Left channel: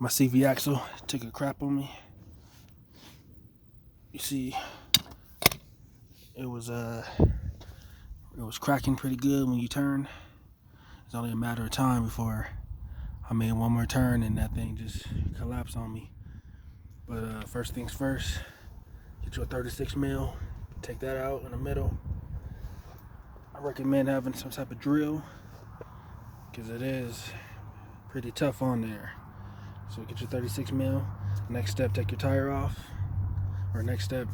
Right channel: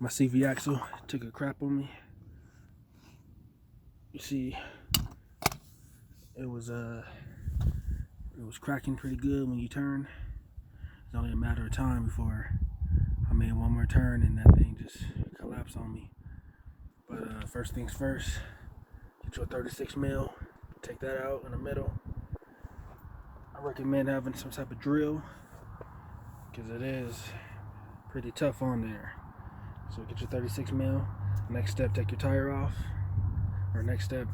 My CV axle took a crap on me. You see, it was cracking pretty good when you turn. It's only a matter of time before I made one more turn and that thing just collapsed on me. But first things first, get you a 36 mil, take that out in the middle. I recommend having some type of drill because it is pretty tough on there. So get your 36 mil. Next step, take your tire off. Or next step,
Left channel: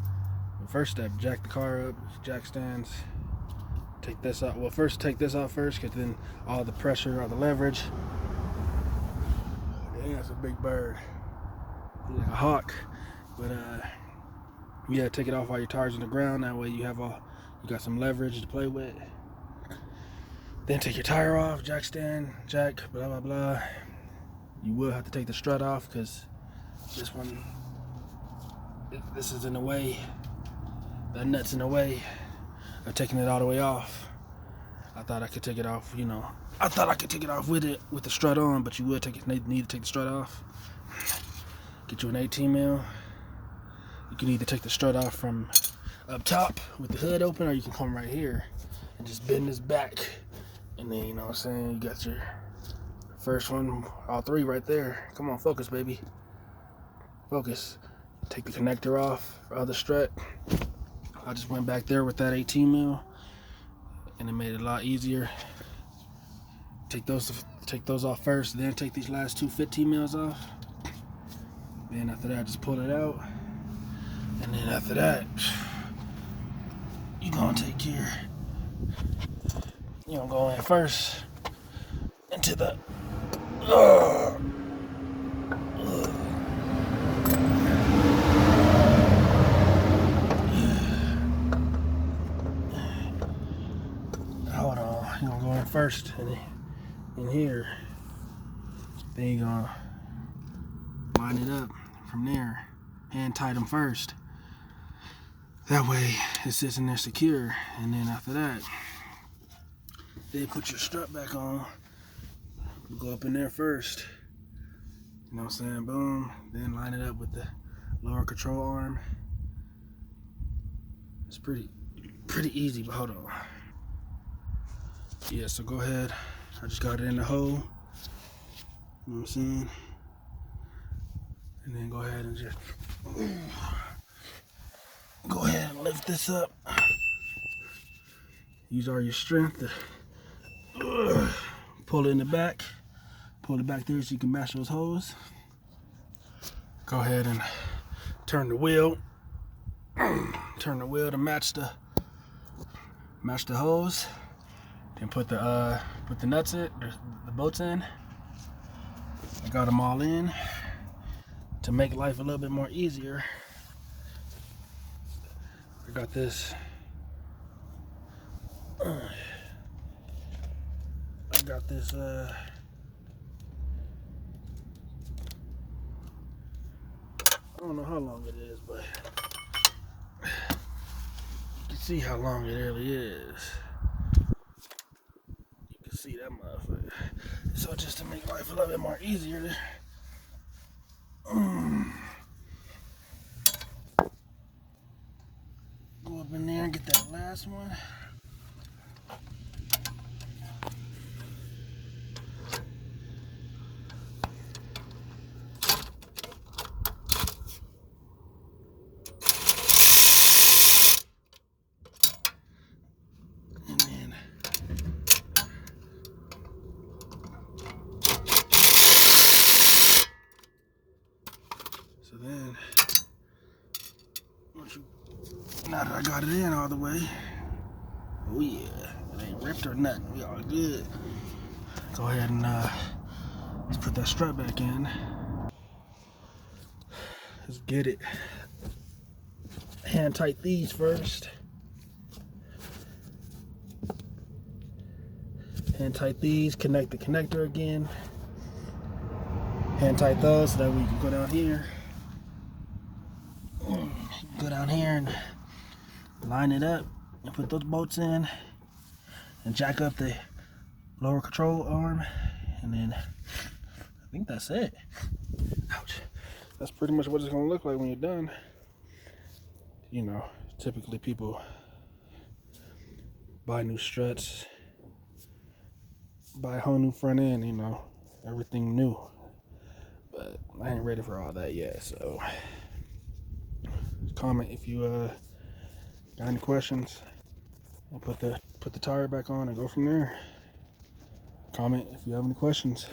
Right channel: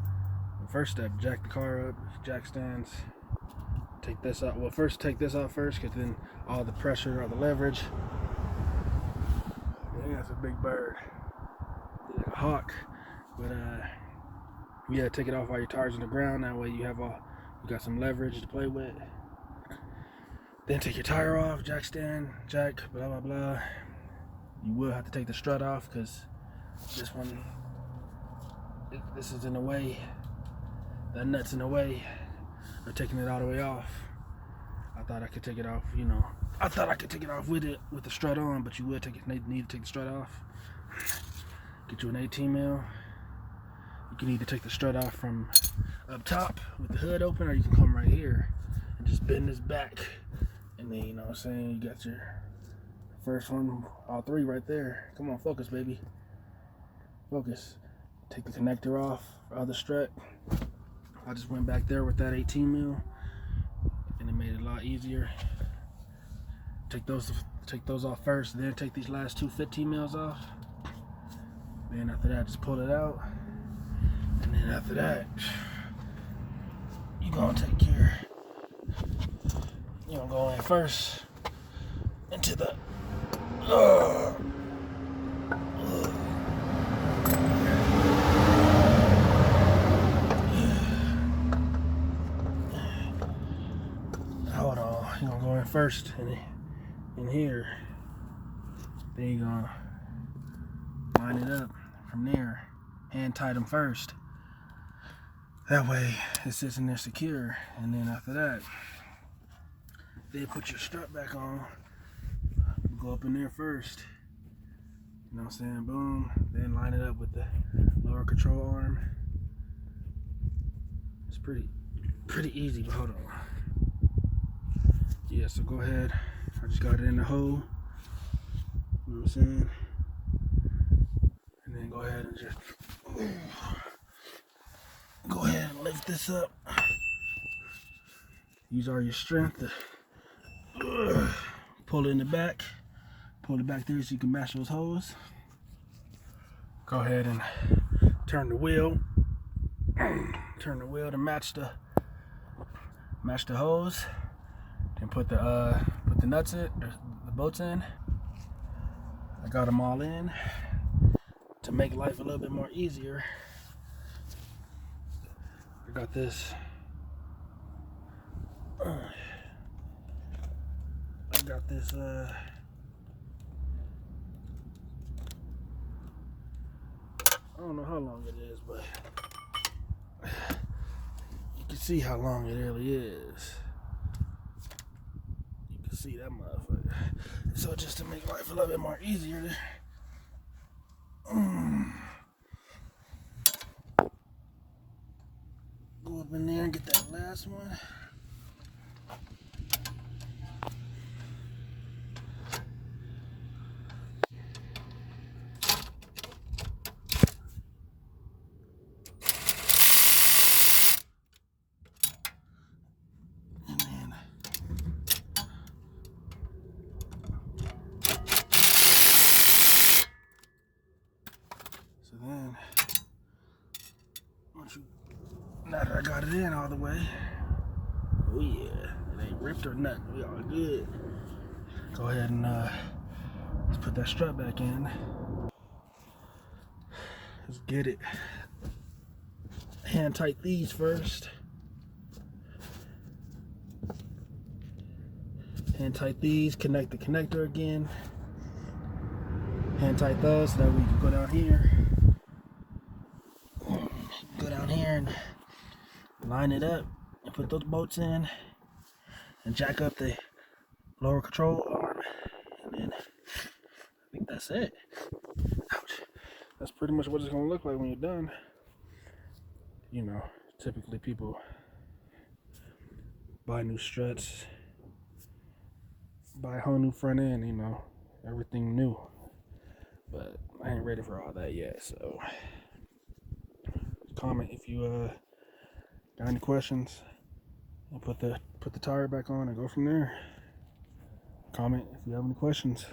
the first step, jack the car up, jack stands. Take this off. Well, first take this off first, because then all the pressure, all the leverage. Yeah, that's a big bird. He's like a hawk. But yeah, take it off while your tire's on the ground. That way you got some leverage to play with. Then take your tire off, jack stand, jack, blah blah blah. You will have to take the strut off because this is in the way. That nut's in the way of taking it all the way off. I thought I could take it off, I thought I could take it off with the strut on, but you would need to take the strut off. Get you an 18 mil. You can either take the strut off from up top with the hood open, or you can come right here and just bend this back. And then, you know what I'm saying, you got your first one, all three right there. Come on, focus, baby. Focus. Take the connector off for other strut. I just went back there with that 18 mil, and it made it a lot easier. Take those off first, then take these last two 15 mils off. Then after that, just pull it out. And then after that, you're gonna go in first into the hold on, you're gonna go in first in here. Then you're gonna line it up from there. Hand tight them first. That way it sits in there secure. And then after that, then put your strut back on. Go up in there first. You know what I'm saying? Boom. Then line it up with the lower control arm. It's pretty easy, but hold on. Yeah, so go ahead. I just got it in the hole. You know what I'm saying? And then go ahead and just go ahead and lift this up. Use all your strength to pull it in the back. Pull it back there so you can mash those holes. Go ahead and turn the wheel. Turn the wheel to match the hose. Then put the nuts in, or the bolts in. I got them all in. To make life a little bit more easier, I got this. I don't know how long it is, but you can see how long it really is. You can see that motherfucker. So just to make life a little bit more easier, go up in there and get that last one. And then now that I got it in all the way, oh yeah, it ain't ripped or nothing. We all good. Go ahead and let's put that strut back in. Let's get it. Hand tight these first. Hand tight these. Connect the connector again. Hand tight those so that we can go down here. Go down here and line it up and put those bolts in and jack up the lower control arm, and then I think that's it. ouch. That's pretty much what it's gonna look like when you're done. You know, typically people buy new struts, buy a whole new front end, you know, everything new. But I ain't ready for all that yet, so comment if you got any questions, and put the tire back on and go from there. Comment if you have any questions.